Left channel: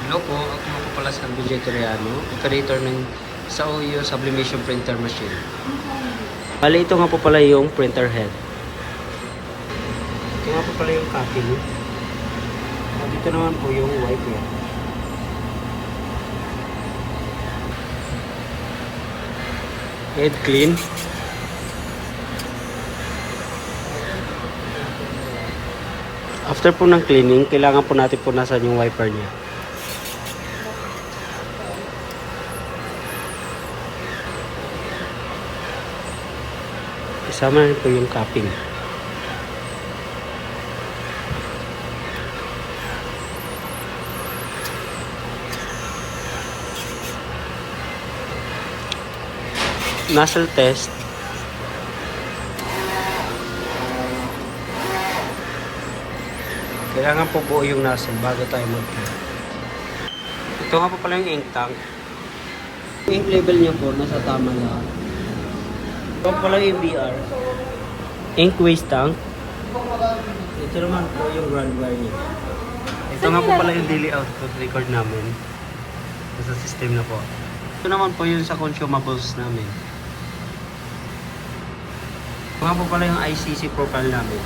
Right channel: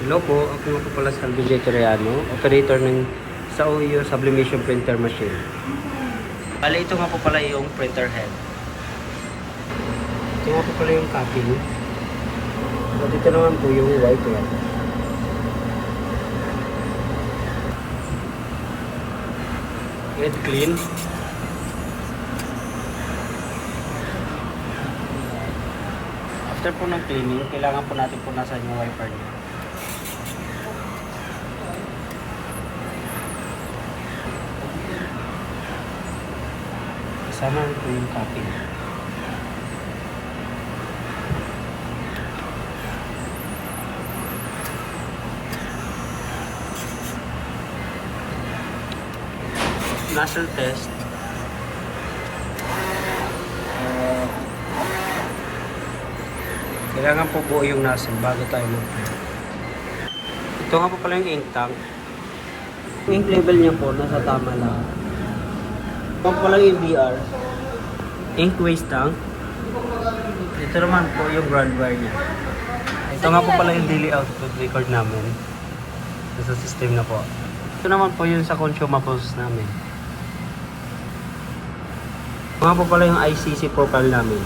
Hello po, ako nga po pala si Alvin J. Torreano, operator ng sa OEO Sublimation Printer Machine. Bali, ito nga po pala yung printer head. Ito nga po pala yung copy. Dito naman po yung wiper. Head clean. After po ng cleaning, kailangan po natin punasan yung wiper niya. Kasama rin po yung capping. Nozzle test. Kailangan po buo yung nozzle bago tayo mag-print. Ito nga po pala yung ink tank. Ink level niya po, nasa tama na. Ito pala yung BR. Ink waste tank. Ito naman po yung ground wire niya. Ito nga po pala yung daily output record namin. Nasa system na po. Ito naman po yung sa consumables namin. Ito nga po pala yung ICC profile namin.